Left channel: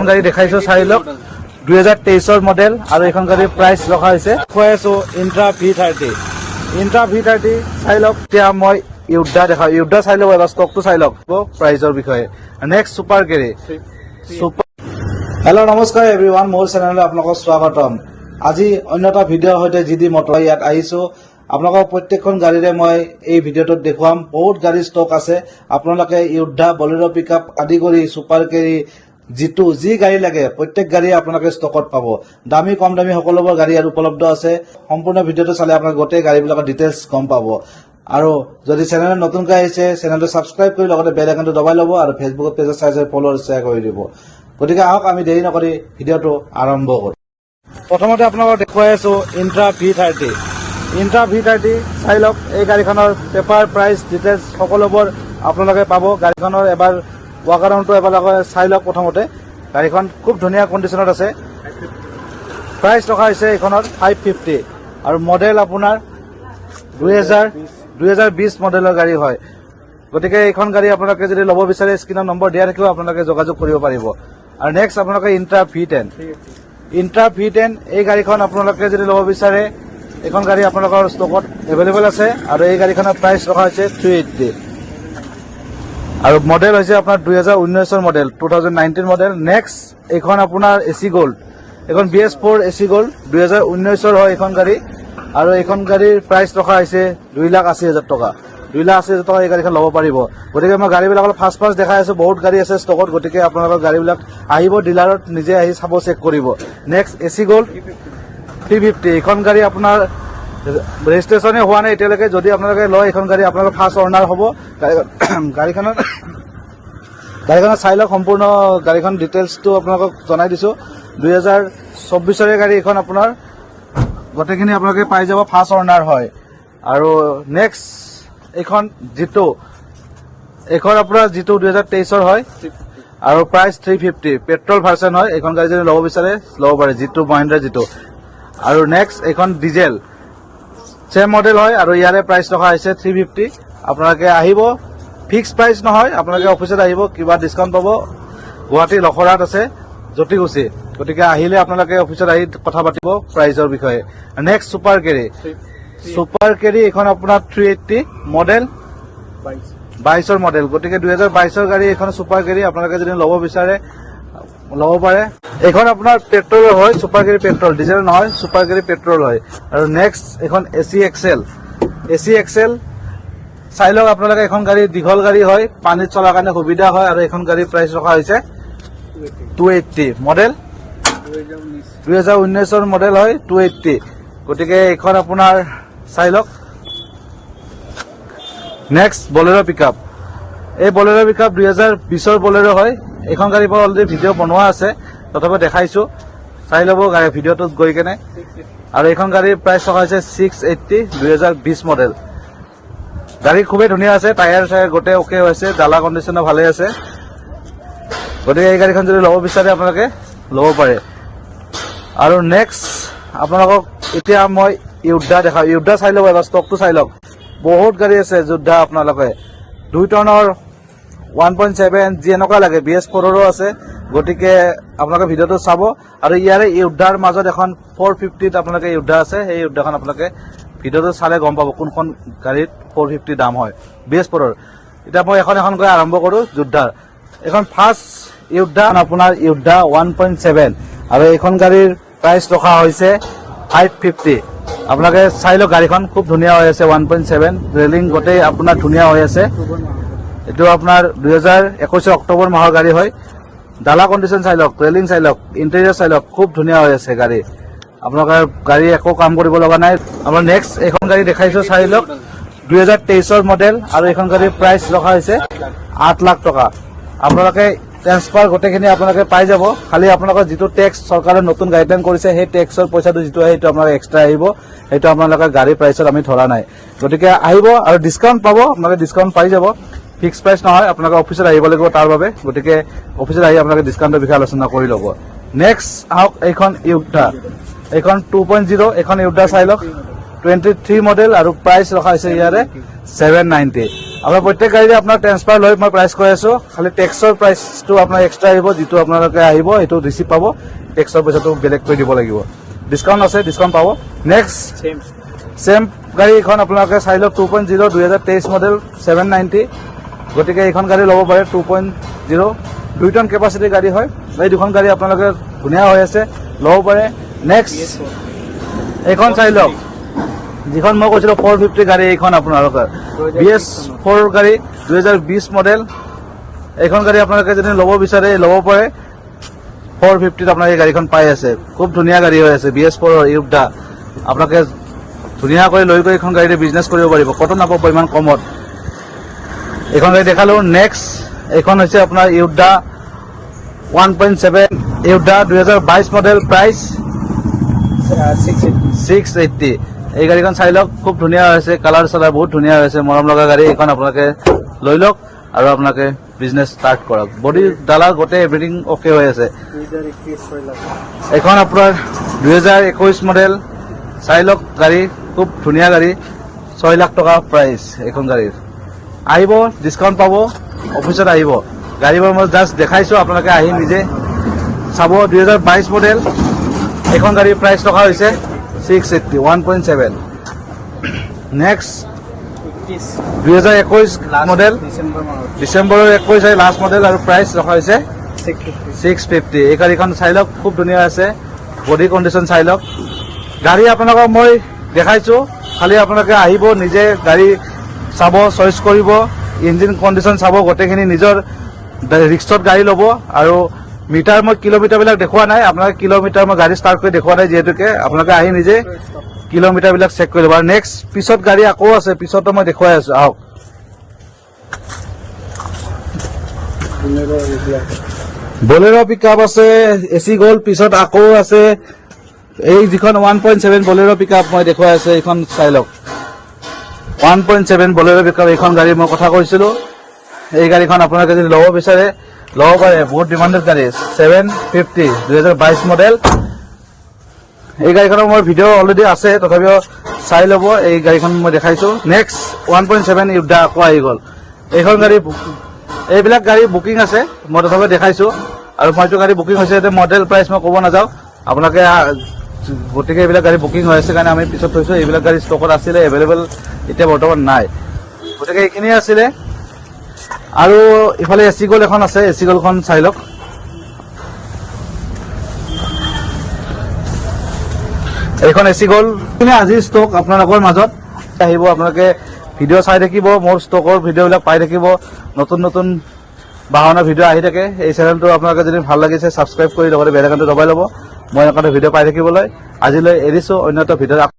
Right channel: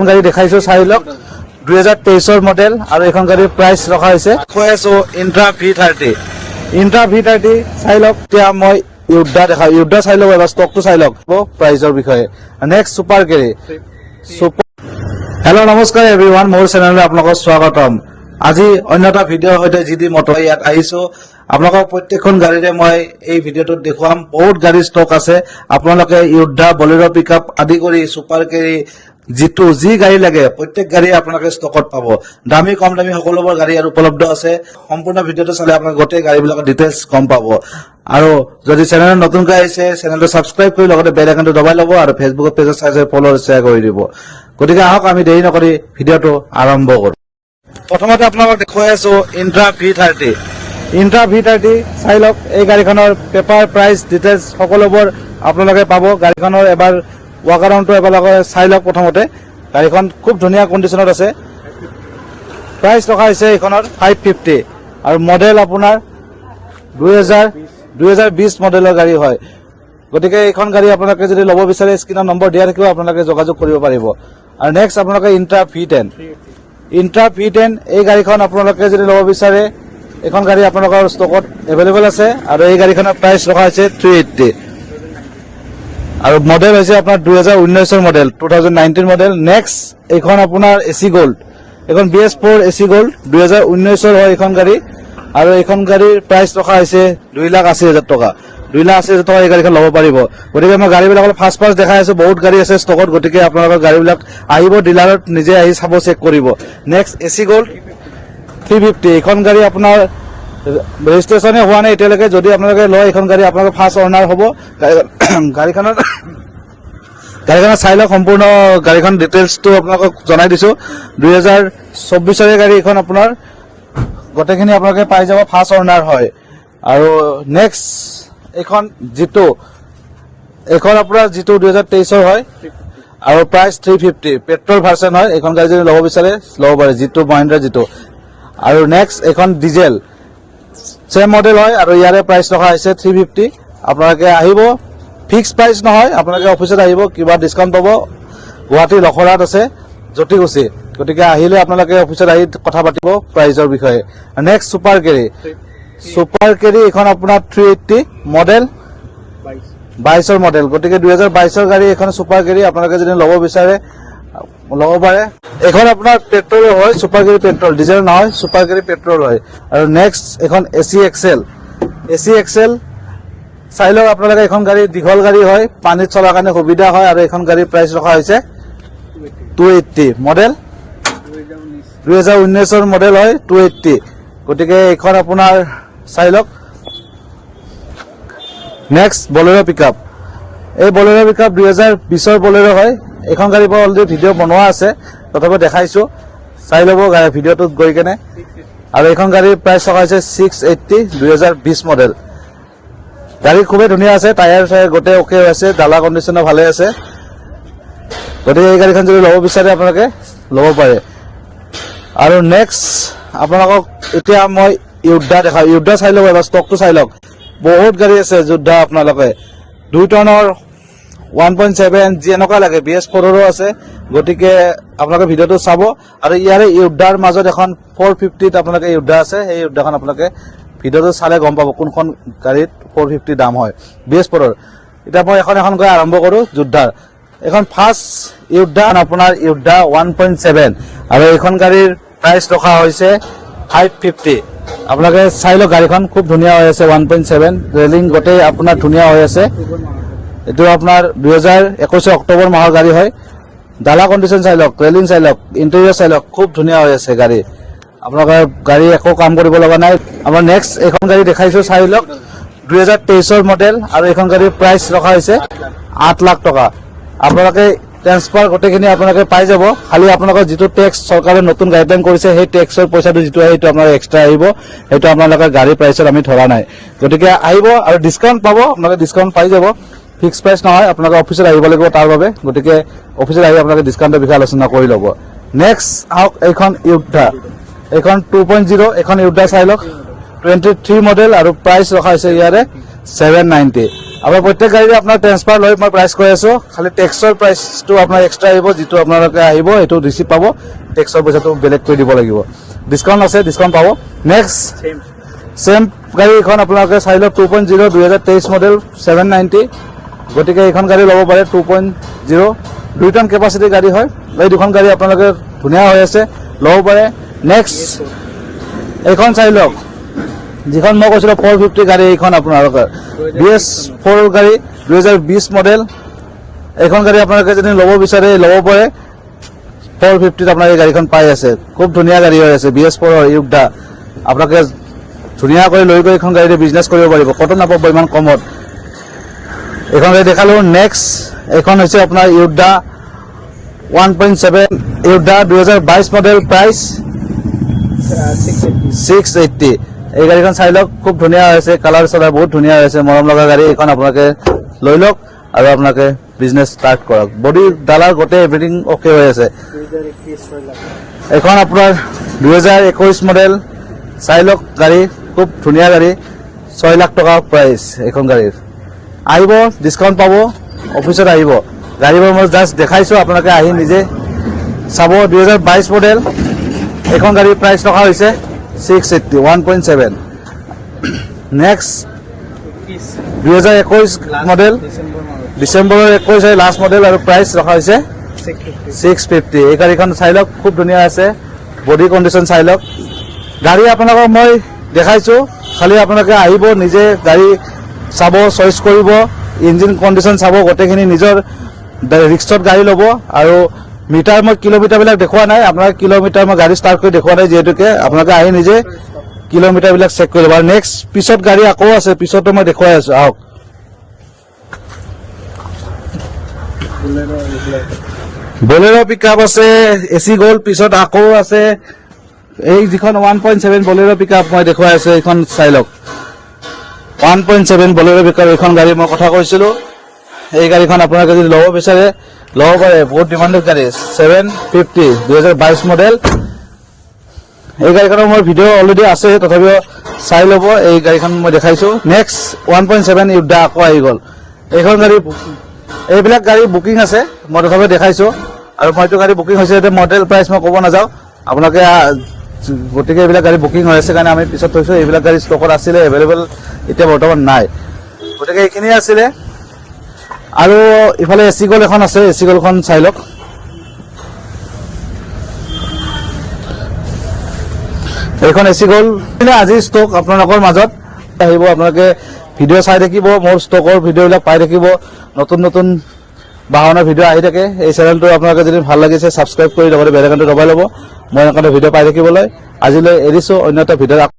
গাড়ি দেখাইছো চাই লওক 2023 মডেল আৰু এখন গাড়ীৰ প্ৰাইস ৰখা হৈছে কৈ আছো ইন্ট্ৰা V30 চাই লওক এতিয়া মই ইউডা দেখাও ইউডা চাই লওক এবাৰ ষ্টকটো চাই লওক প্ৰাইসৰ বিষয়ে নেক্সট সুপাৰ কেৰি হেল্ল' নমস্কাৰ এভৰিৱান মোৰ চেনেললৈ আপোনালোকক স্বাগতম আজি অন্যটা ভিডিঅ'ৰ সৈতে জিডি মটৰ ইয়াত আহিছো আপোনালোকক প্ৰত্যেকখন গাড়ীৰে মই এই ভিডিঅ'টোত দেখুৱাম বহুত গাড়ী ষ্টক আছে আপোনালোকে ইউডা বলেৰো পিকআপ আদি কৰি সুপাৰ কেৰি জিতু যি গাড়ী লাগে প্ৰত্যেক গাড়ী আপোনালোকে ষ্টকত পাব দামী কম দামী সকলোবোৰ গাড়ী আৰু উপলব্ধ আছে সম্পূৰ্ণ ভিডিঅ'টো চালে আপোনালোকে গোটেই গাড়ীবিলাকৰ ডিটেইলছ গম পাব আৰু যদি চেনেলত নতুনকৈ আহিছে চেনেলটো সাবস্ক্ৰাইব কৰি লগতে বেল আইকনটো দবাই ল'ব আৰু ফেচবুকত পেজত চাই ফলো আৰু শ্বেয়াৰ কৰি দিব গতিকে আহক আমি দেৰি নকৰি ভিডিঅ'টো আৰম্ভ কৰোঁ প্ৰথমতে আপোনালোকক দেখুৱাই আছো ইন্ট্ৰা V30 চাই লওক এই গাড়ীখনৰ পেপাৰ প্ৰাইস ডিটেইলছ সকলোবোৰ আপোনালোকে পাব গাড়ীখনৰ এবাৰ ৱাক আৰাউণ্ডটো এবাৰ চাই লওক প্ৰথমতে গাড়ীখন খুব ধুনীয়া কণ্ডিশ্যনত আছে প্ৰাইস ৰখা হৈছে এইখনৰ 550 আৰু মডেল আপোনাৰ 2020 মডেলৰ গাড়ী হয় গতিকে এইখন গাড়ী আপোনালোকে যদি ল'ব বিচাৰে স্ক্ৰিনৰ নম্বৰ দিয়া থাকিব আপোনালোকে যোগাযোগ কৰিব পাৰিব আৰু নেক্সট আপোনালোকে ইন্ট্ৰা V10 এই গাড়ীখন আপোনালোকে যদি ল'ব বিচাৰে এখন গাড়ী আপোনালোকৰ ষ্টকত এভেইলেবল আছে আৰু এই গাড়ীখনৰ প্ৰাইস ৰখা হৈছে 380 আৰু মডেল হৈছে আপোনাৰ 2019 মডেল 2019 মডেল নেক্সট এইখন আপোনাৰ এসি গোল্ড এখন BS4 এসি গোল্ড 2019 হয় এইখন গাড়ী আৰু এইখন গাড়ীৰ প্ৰাইস ৰখা হৈছে 2,80,000 টকা 2,80,000 টকা এই গাড়ীখন ল'ব পাৰিব গতিকে মই গাড়ীবিলাক ফাৰ্ষ্ট দেখাই আছো বহুত গাড়ী আছে ষ্টকত গতিকে আপোনালোকৰ গাড়ীবিলাক আহিব ডিলাৰত নিজে আহি চাব চেক কৰিব নেক্সট এসি গোল্ড 350 এইখন গাড়ী আপোনাৰ ৰেজিষ্ট্ৰেচনে হোৱা নাই এতিয়ালৈকে যদি আপোনালোকে লয় এইখন গাড়ী আপোনালোকৰ ফাৰ্ষ্ট অনাৰ হ'ব গাড়ীখনৰ চাই লওক সম্পূৰ্ণ গাড়ীখন ডিটেইলছটো আপোনালোকক জনাই দিছো 2024 গাড়ী এখন আপোনাৰ গোটেইখিনি আপোনালোকে পাই যাব ফাৰ্ষ্ট অনাৰ হয় আৰু নেক্সট এইখন জিতু এইখন আপোনাৰ জিতু 2023 হয় আৰু প্ৰাইস 350 পেট্ৰল ভাৰ্চন হয় এইখন গাড়ী যদি ল'ব বিচাৰে ল'ব পাৰে জিতু মহিন্দ্ৰা জিতু আৰু নেক্সট এইখন ডিজেল সেম মডেল হয় আৰু ইয়াৰে প্ৰাইস ৰখা হৈছে 350 আপোনালোকে আহিব ফিক্স প্ৰাইস নহয় আপোনালোকে অফিচত আহিব কিবা ডিসকাউন্ট পাব গুৱাহাটী লখৰাত আছে জটিগুছি গতিকে আহিলে আপোনালোকে অফিচত আহি কথা পাতিব প্ৰাইসৰ বিষয়ে নেক্সট সুপাৰ কেৰি এখন আপোনাৰ 380 মডেল 22 মডেল গতিকে 2022 গাড়ী এখন সুপাৰ কেৰি আপোনালোকে যদি ল'ব বিচাৰে ল'ব পাৰে এখন আপোনাৰ পেট্ৰল হয় সুপাৰ কেৰি পেট্ৰল ডিজেল নহয় সুপাৰ কেৰি পেট্ৰল হয় আৰু নেক্সট এখন এসি এক্সেল চাই লওক আপোনালোকে এখন গাড়ী দীঘল গাড়ী হয় পানীত চলাৰ কাৰণে সুবিধা হয় আৰু এখন গাড়ীৰ প্ৰাইস ৰখা হৈছে 280 মডেল 2019 মডেল হয় 280 গতিকে এইখন আপোনাৰ চাই লওক নেক্সট বলেৰো পিকআপ এই বলেৰো পিকআপ 2020 বলেৰো হয় এইখন গাড়ীৰ পৰা অলৰেডি ভিডিঅ' বনোৱা আছে তথাপি দেখাইছো চাই ল'ব গাড়ী ভিডিঅ'টোত গৈ কেনে আৰু এইখন গাড়ীৰ প্ৰাইস ৰখা হৈছে 680 2020 মডেল গাড়ী খুবেই ধুনীয়া আছে টায়াৰ গোটেই ওকে আছে ডালা কণ্ডিশ্যনো ভালে আছে গতিকে এই গাড়ীখন যদি ল'ব বিচাৰে আপোনালোকে ল'ব পাৰে আৰু নেক্সট আপোনালোকক এতিয়া মই ইউডা দেখাওঁ ইউডা চাই লওক এবাৰ ষ্টকটো চাই লওক বহুত গাড়ী আছে যোদ্ধা আপোনালোকে 2 টনৰ 1.7 যি এনেকুৱা লাগে BS4ৰো আছে গতিকে আপোনালোকে ভিডিঅ'টো চাব আৰু ইয়াৰে ইউডাৰ মাজত এখন 450ত আপোনালোকে ইউডা আছে সেই ইউডাখন আপোনালোকে ভিডিঅ'টো চালে গম পাব কোনখন গাড়ীত 450 দাম হয় BS4ৰ এতিয়া মই এখন গৈ আৰম্ভ কৰোঁ যোদ্ধাৰ এখন ফাৰ্ষ্ট ইউডা আপোনাৰ ইউডা 1.7 আৰু এইখন গাড়ীৰ প্ৰাইস ৰখা হৈছে 550 আপোনালোকে চাই লওক গাড়ীখন খুব ধুনীয়া হৈ আছে 1.7 ৰেলিং গোটেই আপোনাৰ ধুনীয়া হৈ আছে এইটো আপোনাৰ 2021 অক্টোবৰ মাহৰ গাড়ী হয় ডালা কণ্ডিশ্যন চাই লওক ৰেলিং চাই লওক ইণ্টেৰিয়ৰ চাই লওক খুব ধুনীয়া হৈ আছে গাড়ী আপোনালোকৰ গাড়ী একো কাম কৰিব লগা নাই আমাৰ নেক্সট এখন গাড়ী দেখাইছো চাই লওক 2023 মডেল আৰু এইখন গাড়ীৰ প্ৰাইস ৰখা হৈছে 8 লাখ টকা আপোনালোকে ট্ৰান্সফাৰ গোটেইখিনি আপোনালোকে পাই যাব খালি আপোনালোকৰ যিটো টেক্স চৰকাৰে নতুন গাইডলাইন কৰিছে সেই টেক্সৰ পইচাটো যিটো আহে সেইটো আপোনাৰ এক্সট্ৰা আহিব সেইটো আপোনালোকৰ গাড়ীৰ প্ৰাইচত আমি ধৰা নাই গতিকে আহিব আৰু ডিসকাউন্ট পাব আপোনালোকে ডিসকাউন্ট পাই যাব ফিক্স প্ৰাইস নহয় আপোনালোকে অফিচত আহিব লাগিব তাৰ বাবে গতিকে অফিচত আহি আপোনালোকে ডিসকাউন্টৰ বিষয়ে আলোচনা কৰি ল'ব নেক্সট আহক এইখন ইউডা এইখন 2.0 এখন ইউডা চাই লওক 23 মডেল আৰু প্ৰাইস ৰখা হৈছে ইয়াৰে 790 আপোনাৰ প্ৰত্যেক গাড়ীৰে আপোনাৰ ট্ৰেন্সফাৰ লৈ মই প্ৰাইচ কৈ আছো খালি টেক্সৰ প্ৰাইচটো আপোনাৰ এক্সট্ৰা আহিব যিটো আপোনালোকে আহিব এইটো ৰিচিপ্ট পাব টেক্সৰ পইচাটো বেলেগ কৰি দিব লাগিব ডিছকাউণ্ট আছে ডিছকাউণ্ট পাব নেক্সট চেম গাড়ী এখন আপোনালোকে চাই লওক 2.0 2023 মডেল 790 গতিকে এইখন গাড়ী ল'ব পাৰে 2.0 2 টন কেপাচিটি গাড়ী হয় এই দুখন গাড়ী আপোনালোকে ধুনীয়া হৈ আছে ল'ব পাৰে নেক্সট এইখন চাই লওক যিখন মই কৈছিলো 450 গাড়ী এইখন আপোনালোকৰ BS4 গাড়ী 2020 মডেল এইখন গাড়ী আপোনালোকে যদি ল'ব বিচাৰে ল'ব পাৰে 450 আপোনাৰ এই গাড়ীখন পাই আছে খুব ধুনীয়া গাড়ী হৈ আছে BS4 ইউগদা আপোনালোকে ধুনীয়াকৈ লৈ গৈ এইখন গাড়ীৰে বিজনেছ কৰিব পাৰিব কত নাপাব ইমান কমত এইখন গাড়ী দেখালো নেক্সট এইখন হৈছে আপোনাৰ ইউগদা 1.7 ইউগদা 2022 মডেল প্ৰাইচ 680 এই গাড়ীখন চাই লওক খুব ধুনীয়া হৈছে কালাৰ চালাৰ বহুত ধুনীয়া হৈছে মৰম লগা গাড়ী এইখন আপোনালোকে লৈ লওক আৰু আপোনালোকে বিজনেছ ষ্টাৰ্ট কৰক বডি ডালাৰ গোটেই এভৰিথিং অকে হৈ আছে এইখন আপোনাৰ 2021 মডেল চাই লওক গাড়ী খুব ধুনীয়া গাড়ী 6 লাখ টকা প্ৰাইচ এইখন গাড়ীৰ আহিব ডিছকাউণ্ট পাব অফিচত আহিব গাড়ীবোৰ মই জাষ্ট দেখাইছো আপোনালোকে আহি নিজে চাব 2022 মডেল এইখন গাড়ীৰ প্ৰাইচ টকা হৈছে 680 1.7 নেক্সট 2021 মডেল ডিসেম্বৰৰ 21 লাষ্ট মডেল আৰু প্ৰাইচ ৰখা হৈছে 650 এই গাড়ীখন চাই লওক খুব ধুনীয়া আছে বডি কণ্ডিশ্যন চাই লওক গাড়ী আপোনালোকক মই দেখাইছো খালি আপোনালোকে আহিব নিজে গাড়ী চাব চইচ কৰিব ইঞ্জিন কণ্ডিশ্যন চাব গোটেইখিনি নিজৰ ৰিক্সত গাড়ী ল'ব আৰু মিটাৰ মই কিলোমিটাৰবিলাক দেখুৱা নাই আপোনালোকে কিলোমিটাৰ মই গাড়ী ষ্টাৰ্ট কৰি দেখুৱা নাই যিহেতুকে আপোনালোকে আহি নিজে কিলোমিটাৰবিলাক চেক কৰি ল'ব আৰু নেক্সট পিছত গাড়ী আকৌ আছে পিছতো মই দেখুৱাই আছো আহক বলেৰো পিকআপ আছে এসি গোল্ড পিছত আকৌ আছে এই যিখন 1.7 বলেৰো পিকআপ মই দেখুৱাই আছো এইখন চাই লওক 1.7 বলেৰো পিকআপ এইখন গাড়ী মই কথা কৈছিলো এই গাড়ীখন আপোনালোকে যদি ল'ব বিচাৰে ল'ব পাৰে বহুত ডিমাণ্ডেড গাড়ী 750 2022 মডেল এই গাড়ীখনৰ মোৰ ভিডিঅ' অলৰেডি আছে তথাপিও চাই ল'ব এই গাড়ীখন মই দেখাইছো নেক্সট 1.7 ইউগদা আকৌ আহি গ'ল এইখন গাড়ী এইবিলাক গাড়ী বুকিং আছে মই তথাপিও দেখাইছো আৰু মইতো গাড়ী বুকিং হৈছে এতিয়া মডেল প্ৰাইচ মই ক'ব নাযাওঁ আপোনালোকে গতিকে এইবিলাক গাড়ী বুকিং হৈ আছে কাৰণে আমি পিছত থৈছো এইবিলাক গাড়ী ষ্টকত আছিলে এভেইলেবল এতিয়া বৰ্তমান নাই গতিকে এইখিনি আছিলে আৰু ইফালে এসি গোল্ড এখন আছে এসি গোল্ডখন চাই লওক এইখন এসি গোল্ড মানে আজি ষ্টক আপোনালোকৰ মাজত আহিব আপোনালোকে ভিডিঅ' চাই থাকিব মোৰ ষ্টকৰ ভিডিঅ'বিলাক পাই থাকিব নতুন নতুন বাহনৰ ভিডিঅ' আহি থাকে এই চেনেলটো আপোনালোকে যদি ভাল লাগিছে ছাবস্ক্ৰাইব কৰি লগতে বেল আইকনটো দবাই ল'ব মই এনেকুৱা ভিডিঅ' পাই থাকিবলৈ আজিলৈ এৰিছো অন্য এটা ভিডিঅ'